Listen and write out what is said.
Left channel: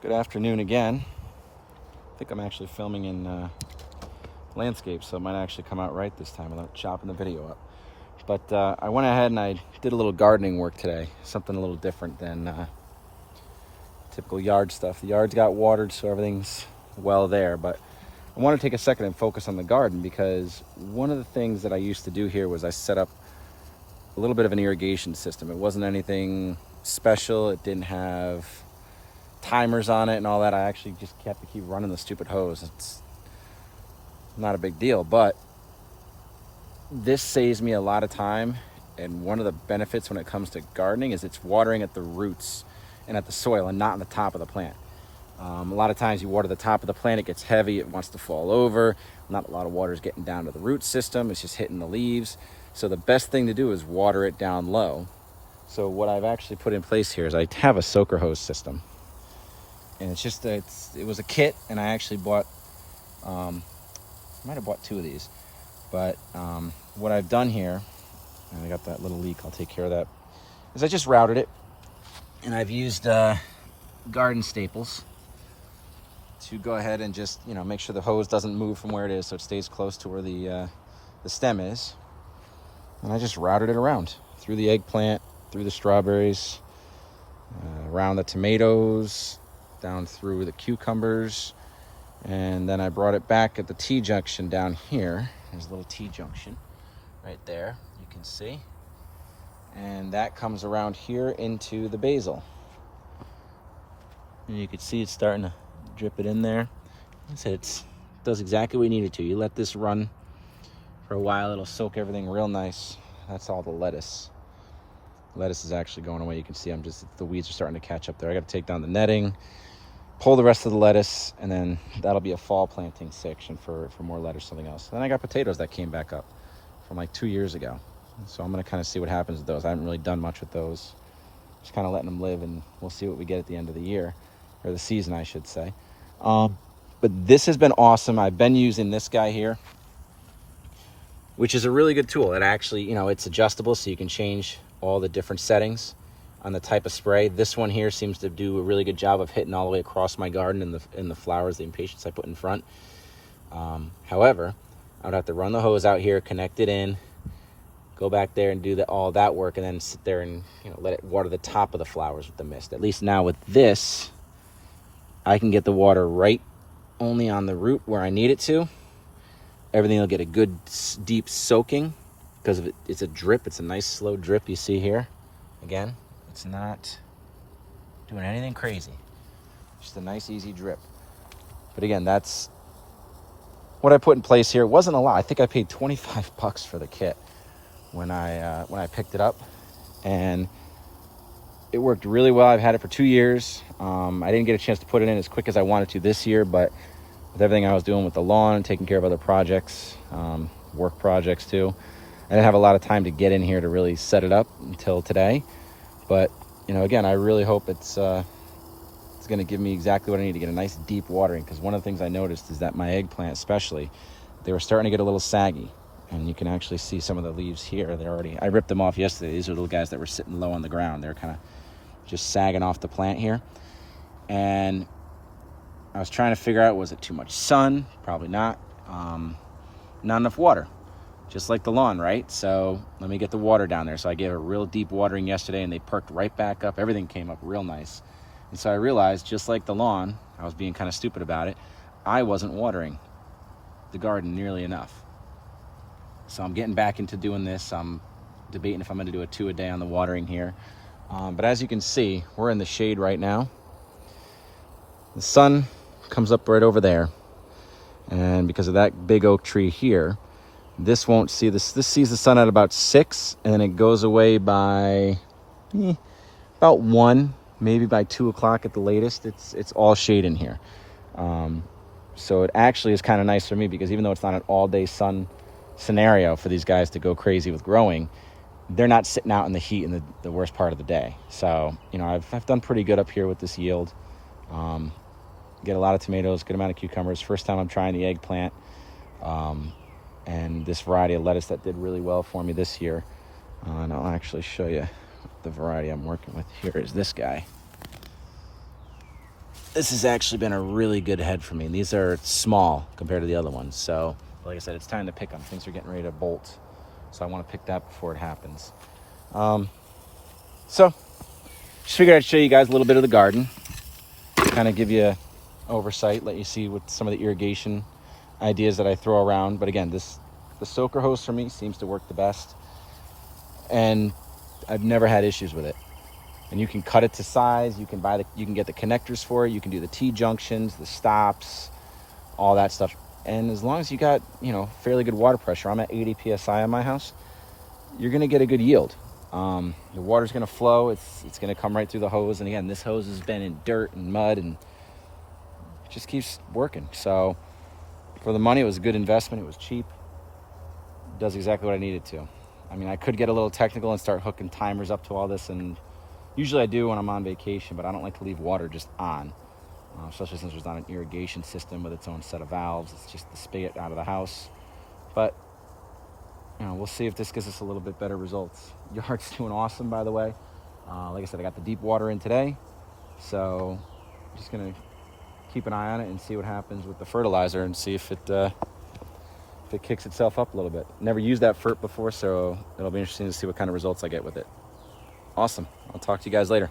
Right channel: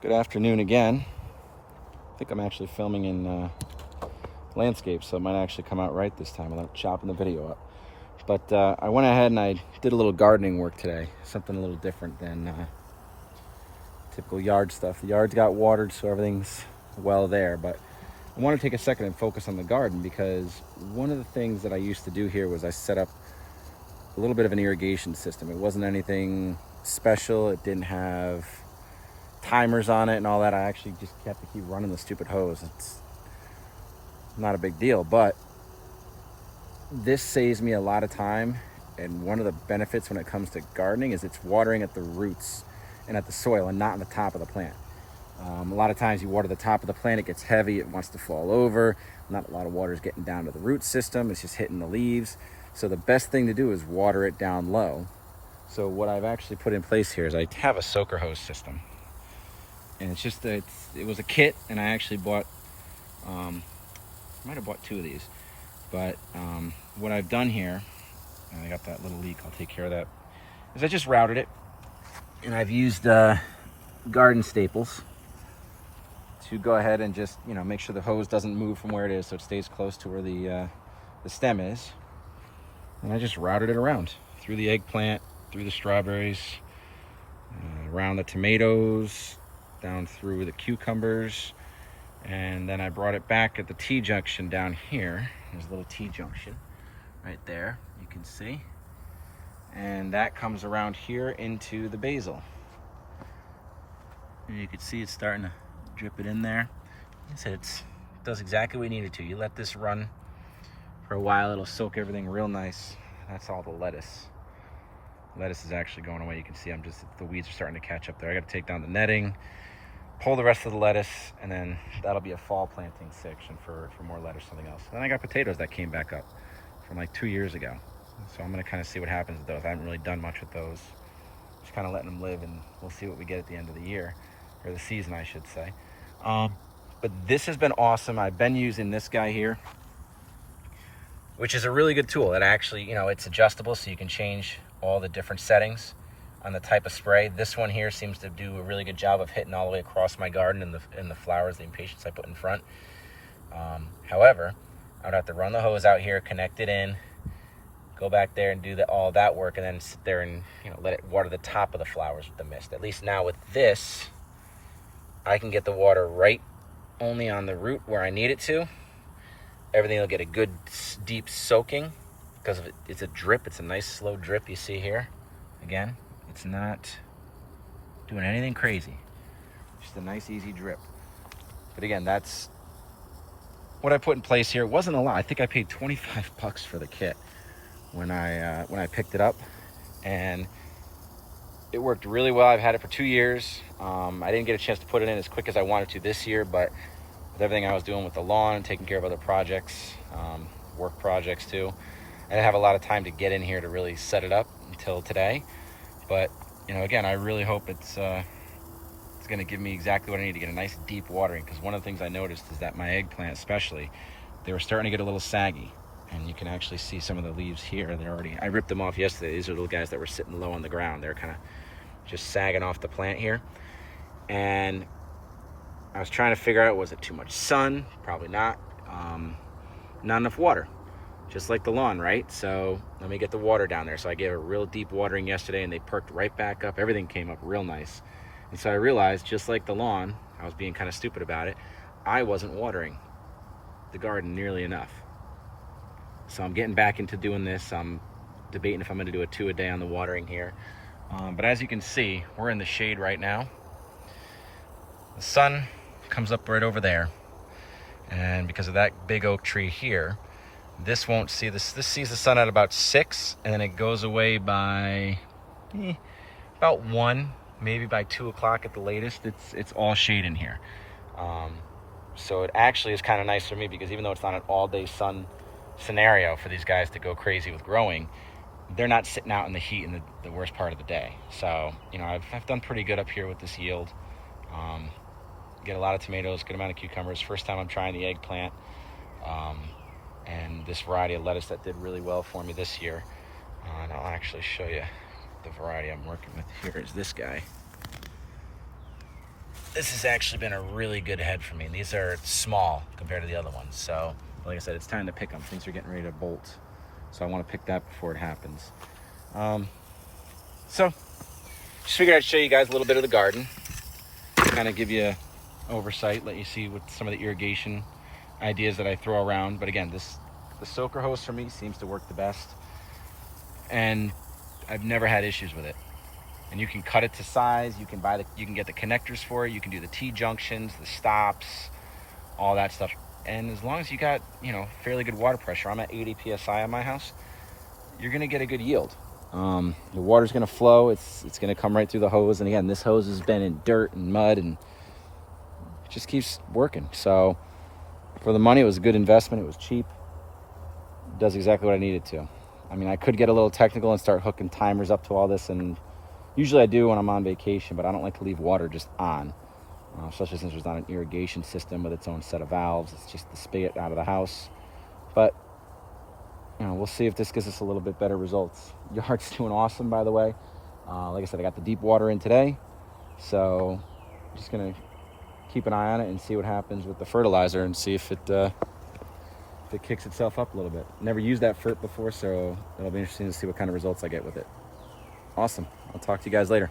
Good afternoon again. I think I'm actually filming in landscape, so it might actually come out right this time without chopping the video up. But I went ahead and I did a little gardening work today, something a little different than typical yard stuff. The yard's got watered, so everything's well there, but I want to take a second and focus on the garden, because one of the things that I used to do here was I set up a little bit of an irrigation system. It wasn't anything special. It didn't have timers on it and all that. I actually just have to keep running the stupid hose. It's not a big deal, but this saves me a lot of time. And one of the benefits when it comes to gardening is it's watering at the roots and at the soil and not on the top of the plant. A lot of times you water the top of the plant, it gets heavy, it wants to fall over. Not a lot of water is getting down to the root system, it's just hitting the leaves. So the best thing to do is water it down low. So what I've actually put in place here is I have a soaker hose system. And it's just, it was a kit, and I actually bought, might have bought 2 of these. But what I've done here, and I got that little leak, I'll take care of that, is I just routed it. And I've used garden staples to go ahead and just, make sure the hose doesn't move from where it is, so it stays close to where the stem is. And I just routed it around, through the eggplant, through the strawberries, around the tomatoes, down through the cucumbers, and then I brought it back at the T-junction down here. There's a little T-junction right there, you can see. And that comes around here into the basil. And you can see it's starting to drip it in there. It does exactly what we need it to. You let this run for a while, it'll soak everything real nice. That's all the lettuce. Lettuce is actually going away. You can see the weeds are starting to catch up there. I got to take down the netting, pull the rest of the lettuce, and then that'll be a fall planting section for more lettuce, something else. Then I got potatoes that came back up from like 2 years ago. So I'm gonna kind of see what happens with those. I haven't really done much with those. Just kind of letting them live, and we'll see what we get at the end of the year, or the season, I should say. But this has been awesome. I've been using this guy here, which is a really good tool. It actually, it's adjustable, so you can change all the different settings on the type of spray. This one here seems to do a really good job of hitting all the way across my garden and the flowers, the impatiens I put in front. However, I would have to run the hose out here, connect it in, go back there and do all that work, and then sit there and let it water the top of the flowers with the mist. At least now with this, I can get the water right only on the root where I need it to. Everything will get a good deep soaking because it's a drip. It's a nice slow drip you see here. Again, it's not doing anything crazy. Just a nice easy drip. But again, that's what I put in place here. It wasn't a lot. I think I paid $25 for the kit when I picked it up, and it worked really well. I've had it for 2 years. I didn't get a chance to put it in as quick as I wanted to this year, but with everything I was doing with the lawn, taking care of other projects, work projects too, I didn't have a lot of time to get in here to really set it up until today. But again, I really hope it's going to give me exactly what I need to get a nice deep watering, because one of the things I noticed is that my eggplant especially, they were starting to get a little saggy, and you can actually see some of the leaves here. I ripped them off yesterday. These are little guys that were sitting low on the ground. They're kind of just sagging off the plant here, and I was trying to figure out, was it too much sun? Probably not. Not enough water, just like the lawn, right? So let me get the water down there. So I gave a real deep watering yesterday, and they perked right back up. Everything came up real nice. And so I realized, just like the lawn, I was being kind of stupid about it. I wasn't watering the garden nearly enough. So I'm getting back into doing this. I'm debating if I'm gonna do a 2 a day on the watering here. But as you can see, we're in the shade right now. The sun comes up right over there. And because of that big oak tree here, this won't see this. This sees the sun at about 6, and then it goes away by about 1. Maybe by 2 o'clock at the latest. It's all shade in here. So it actually is kind of nice for me, because even though it's not an all-day sun scenario for these guys to go crazy with growing, they're not sitting out in the heat in the worst part of the day. So, I've done pretty good up here with this yield. Get a lot of tomatoes, good amount of cucumbers. First time I'm trying the eggplant. And this variety of lettuce that did really well for me this year. And I'll actually show you the variety I'm working with. Here is this guy. this has actually been a really good head for me. These are small compared to the other ones. So like I said, it's time to pick them. Things are getting ready to bolt. So I want to pick that before it happens. So just figured I'd show you guys a little bit of the garden. Kind of give you oversight, let you see what some of the irrigation ideas that I throw around. But again, the soaker hose for me seems to work the best. And I've never had issues with it. And you can cut it to size. You can get the connectors for it. You can do the T-junctions, the stops, all that stuff. And as long as you got, fairly good water pressure, I'm at 80 PSI on my house, you're gonna get a good yield. The water's gonna flow. It's gonna come right through the hose. And again, this hose has been in dirt and mud, and it just keeps working. So for the money, it was a good investment. It was cheap. It does exactly what I needed to. I mean, I could get a little technical and start hooking timers up to all this, and usually I do when I'm on vacation, but I don't like to leave water just on, especially since there's not an irrigation system with its own set of valves. It's just the spigot out of the house. But we'll see if this gives us a little bit better results. Yard's doing awesome, by the way. Like I said, I got the deep water in today, so I'm just gonna keep an eye on it and see what happens with the fertilizer and see if it kicks itself up a little bit. Never used that fert before, so it'll be interesting to see what kind of results I get with it. Awesome. I'll talk to you guys later.